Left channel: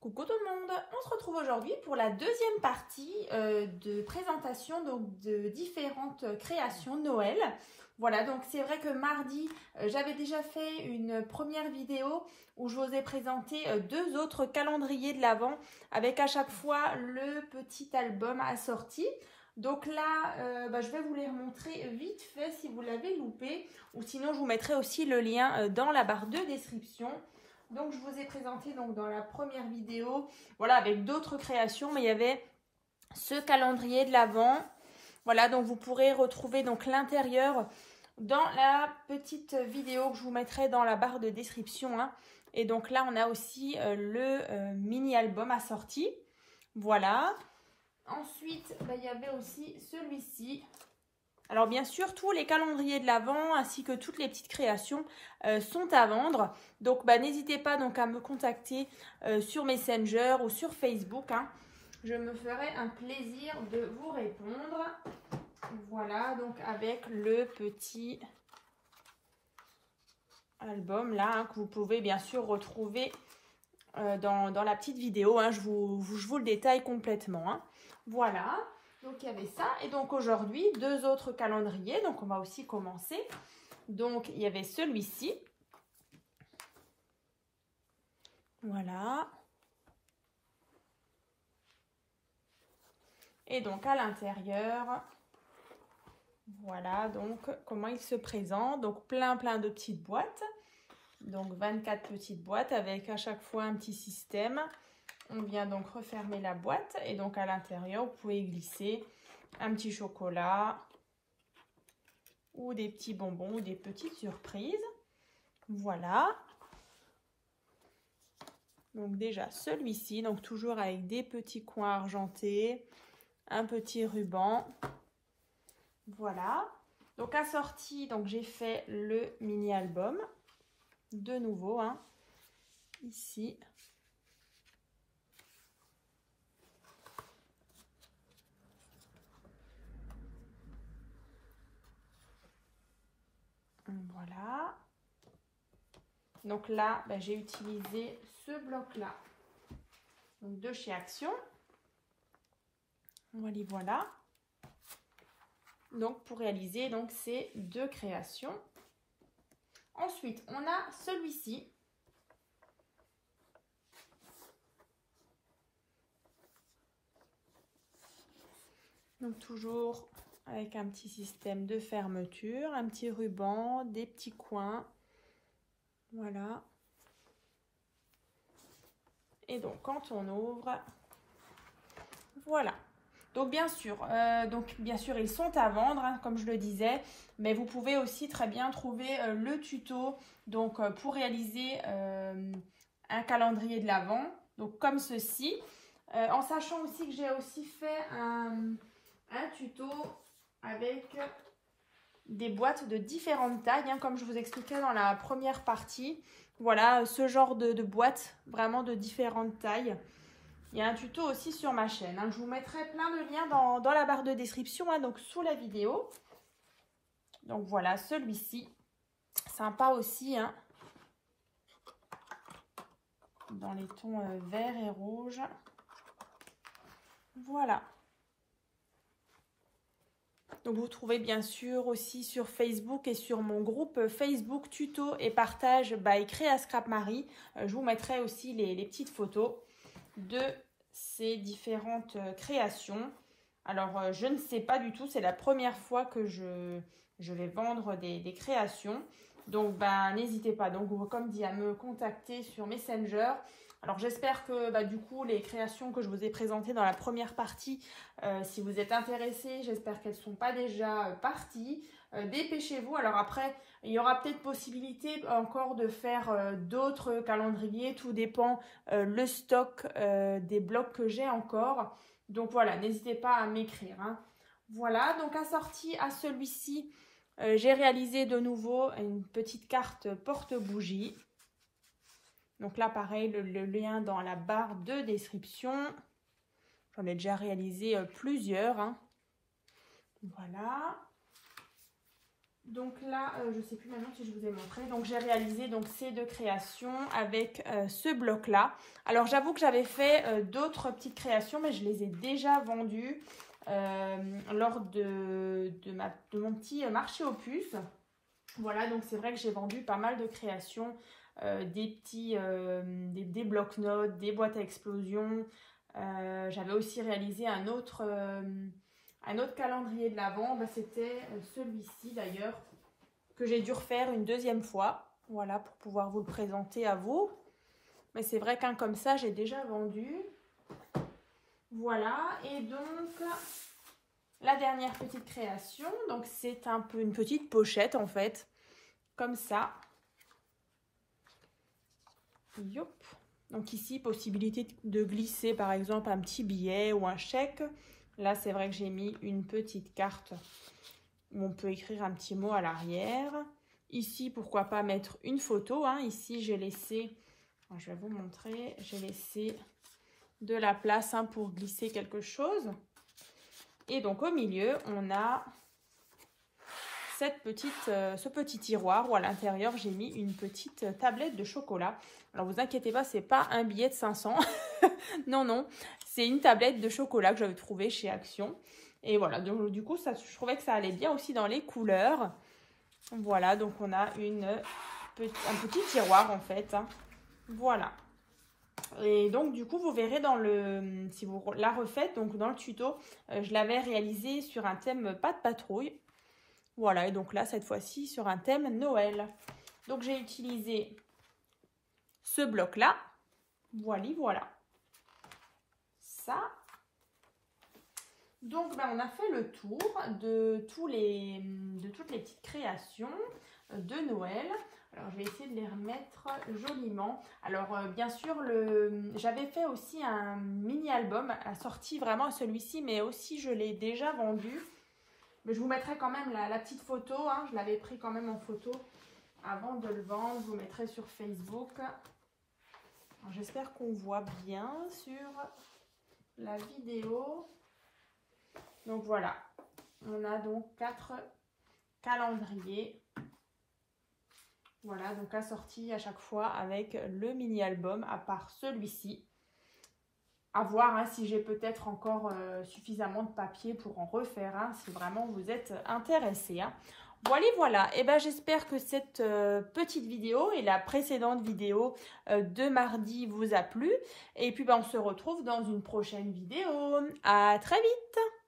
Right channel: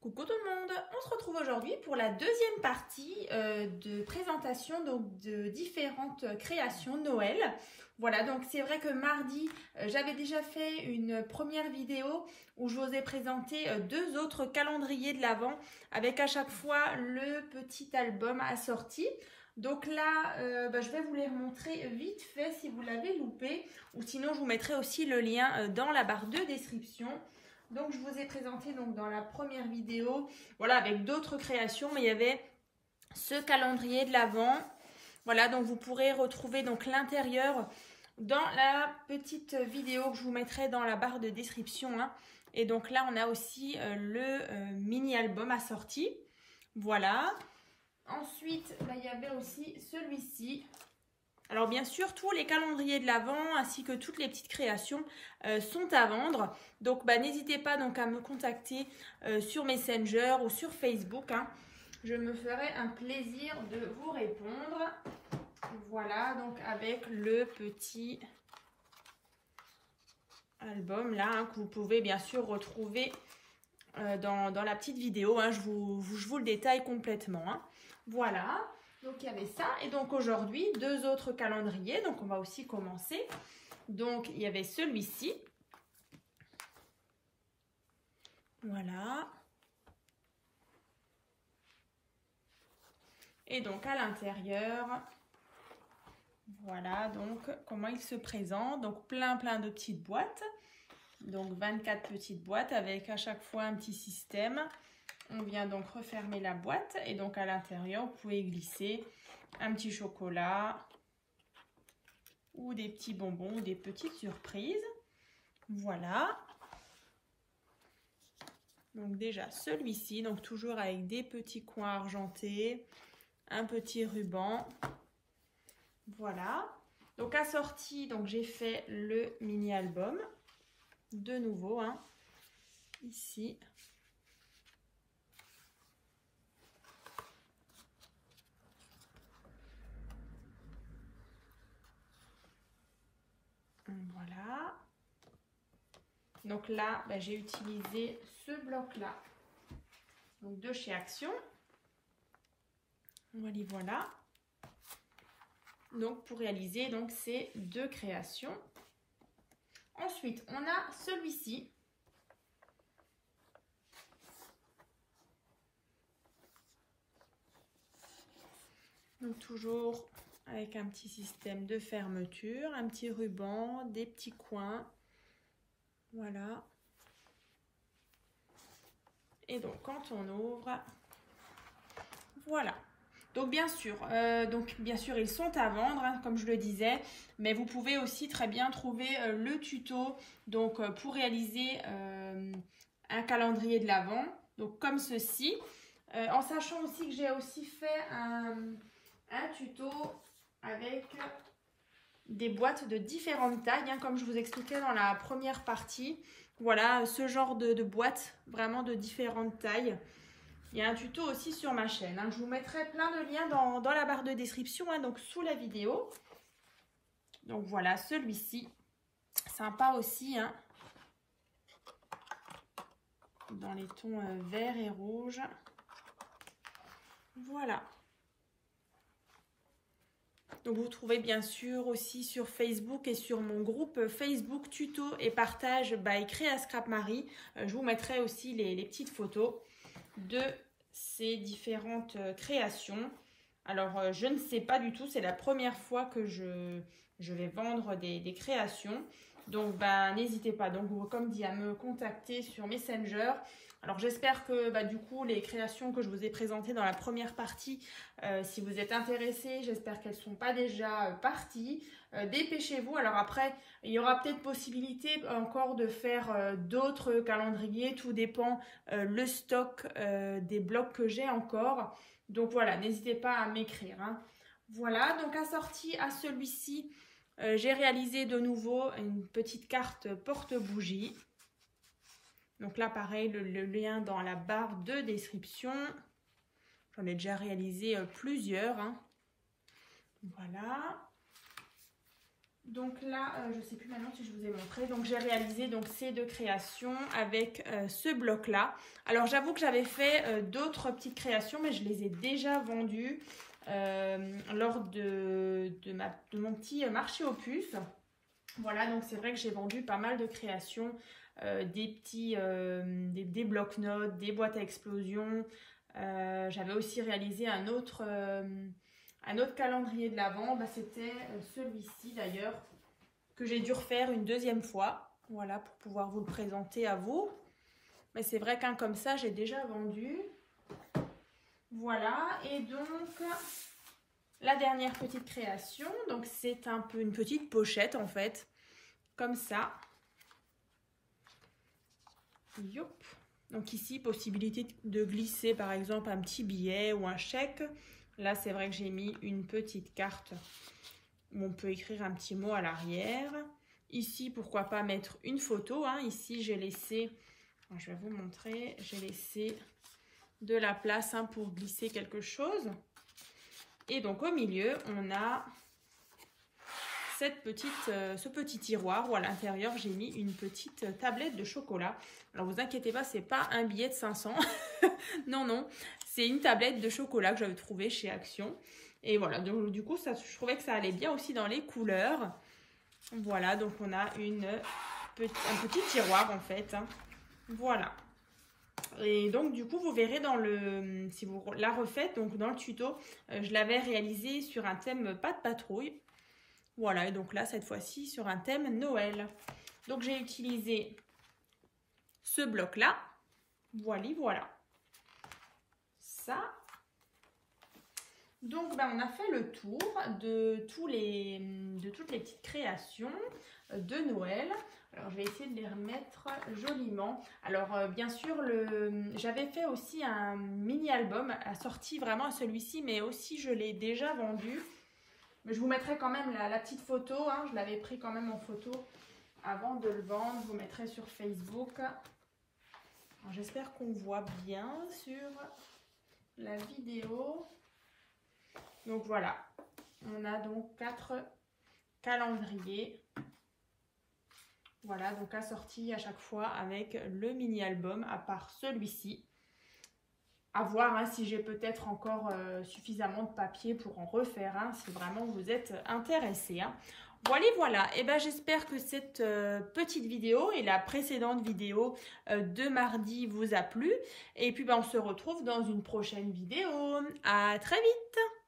Coucou tout le monde, on se retrouve aujourd'hui pour la deuxième partie de présentation de différentes créations Noël. Voilà, donc c'est vrai que mardi, j'avais déjà fait une première vidéo où je vous ai présenté deux autres calendriers de l'Avent avec à chaque fois le petit album assorti. Donc là, je vais vous les remontrer vite fait si vous l'avez loupé, ou sinon je vous mettrai aussi le lien dans la barre de description. Donc, je vous ai présenté donc, dans la première vidéo, voilà, avec d'autres créations, mais il y avait ce calendrier de l'Avent. Voilà, donc vous pourrez retrouver donc l'intérieur dans la petite vidéo que je vous mettrai dans la barre de description. Hein. Et donc là, on a aussi le mini-album assorti. Voilà. Ensuite, il y avait aussi celui-ci. Alors bien sûr, tous les calendriers de l'Avent ainsi que toutes les petites créations sont à vendre. Donc n'hésitez pas donc à me contacter sur Messenger ou sur Facebook. Hein. Je me ferai un plaisir de vous répondre. Voilà, donc avec le petit album là hein, que vous pouvez bien sûr retrouver dans la petite vidéo. Hein. Je vous le détaille complètement. Hein. Voilà. Donc, il y avait ça. Et donc, aujourd'hui, deux autres calendriers. Donc, on va aussi commencer. Donc, il y avait celui-ci. Voilà. Et donc, à l'intérieur, voilà donc comment il se présente. Donc, plein de petites boîtes. Donc, 24 petites boîtes avec à chaque fois un petit système. On vient donc refermer la boîte. Et donc, à l'intérieur, vous pouvez glisser un petit chocolat ou des petits bonbons ou des petites surprises. Voilà. Donc déjà celui-ci, donc toujours avec des petits coins argentés, un petit ruban. Voilà. Donc assorti, donc j'ai fait le mini album de nouveau hein, ici. Voilà. Donc là, j'ai utilisé ce bloc-là. Donc de chez Action. Voilà. Donc pour réaliser donc ces deux créations. Ensuite, on a celui-ci. Donc toujours avec un petit système de fermeture, un petit ruban, des petits coins. Voilà. Et donc quand on ouvre, voilà. Donc bien sûr, ils sont à vendre, hein, comme je le disais, mais vous pouvez aussi très bien trouver le tuto donc pour réaliser un calendrier de l'Avent, donc comme ceci, en sachant aussi que j'ai aussi fait un tuto avec des boîtes de différentes tailles, hein, comme je vous expliquais dans la première partie. Voilà, ce genre de boîtes, vraiment de différentes tailles. Il y a un tuto aussi sur ma chaîne. Hein. Je vous mettrai plein de liens dans la barre de description, hein, donc sous la vidéo. Donc voilà, celui-ci, sympa aussi, hein, dans les tons vert et rouge. Voilà. Donc vous trouvez bien sûr aussi sur Facebook et sur mon groupe Facebook tuto et partage by Créa Scrap Marie. Je vous mettrai aussi les petites photos de ces différentes créations. Alors je ne sais pas du tout, c'est la première fois que je vais vendre des créations. Donc n'hésitez pas, donc comme dit, à me contacter sur Messenger. Alors j'espère que du coup les créations que je vous ai présentées dans la première partie, si vous êtes intéressés, j'espère qu'elles ne sont pas déjà parties. Dépêchez-vous. Alors après, il y aura peut-être possibilité encore de faire d'autres calendriers. Tout dépend le stock des blocs que j'ai encore. Donc voilà, n'hésitez pas à m'écrire. Hein. Voilà, donc assorti à celui-ci, j'ai réalisé de nouveau une petite carte porte-bougie. Donc là, pareil, le lien dans la barre de description. J'en ai déjà réalisé plusieurs. Hein. Voilà. Donc là, je ne sais plus maintenant si je vous ai montré. Donc j'ai réalisé donc ces 2 créations avec ce bloc-là. Alors j'avoue que j'avais fait d'autres petites créations, mais je les ai déjà vendues lors de mon petit marché aux puces. Voilà, donc c'est vrai que j'ai vendu pas mal de créations, des blocs-notes, des boîtes à explosion. J'avais aussi réalisé un autre calendrier de l'Avent, c'était celui-ci d'ailleurs, que j'ai dû refaire une 2e fois, voilà, pour pouvoir vous le présenter à vous. Mais c'est vrai qu'un comme ça, j'ai déjà vendu. Voilà, et donc, la dernière petite création, donc c'est un peu une petite pochette en fait, comme ça. Yop. Donc ici, possibilité de glisser par exemple un petit billet ou un chèque. Là, c'est vrai que j'ai mis une petite carte où on peut écrire un petit mot à l'arrière. Ici, pourquoi pas mettre une photo. Hein. Ici, j'ai laissé, je vais vous montrer, j'ai laissé de la place pour glisser quelque chose. Et donc, au milieu, on a ce petit tiroir où à l'intérieur, j'ai mis une petite tablette de chocolat. Alors, vous inquiétez pas, c'est pas un billet de 500. Non, non. C'est une tablette de chocolat que j'avais trouvée chez Action. Et voilà, donc du coup, je trouvais que ça allait bien aussi dans les couleurs. Voilà, donc on a un petit tiroir en fait. Hein. Voilà. Et donc du coup, vous verrez si vous la refaites, donc dans le tuto, je l'avais réalisé sur un thème pas de patrouille. Voilà, et donc là, cette fois-ci, sur un thème Noël. Donc j'ai utilisé ce bloc-là. Voilà. Ça. Donc, on a fait le tour de toutes les petites créations de Noël. Alors, je vais essayer de les remettre joliment. Alors, bien sûr, j'avais fait aussi un mini-album assorti vraiment à celui-ci, mais aussi, je l'ai déjà vendu. Mais je vous mettrai quand même la petite photo. Hein, je l'avais pris quand même en photo avant de le vendre. Je vous mettrai sur Facebook. J'espère qu'on voit bien sur la vidéo. Donc voilà, on a donc 4 calendriers. Voilà, donc assortis à chaque fois avec le mini-album, à part celui-ci. À voir si j'ai peut-être encore suffisamment de papier pour en refaire, si vraiment vous êtes intéressé. Voilà, et j'espère que cette petite vidéo et la précédente vidéo de mardi vous a plu. Et puis on se retrouve dans une prochaine vidéo. À très vite!